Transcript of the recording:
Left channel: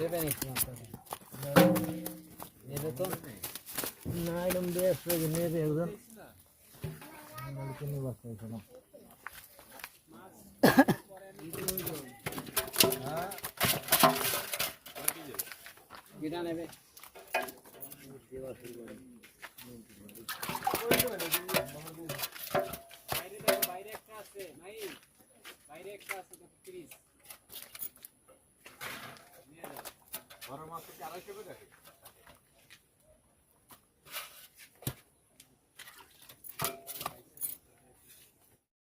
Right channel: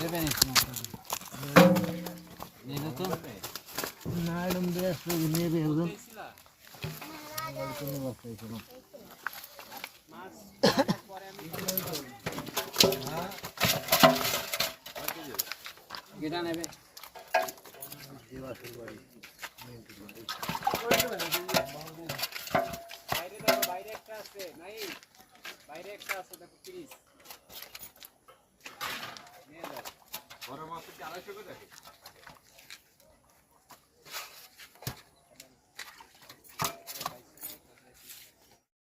দেবেন নেবে তো না এরকম বেশ নেবে ওজন কোনো ব্যবসা ছিল গিটা নেবে বাইরে একটা আছে নাই বাইরে একটা আছে দেখো 30 নিয়ে যাও বড় মাছ কি 250 করে দেখে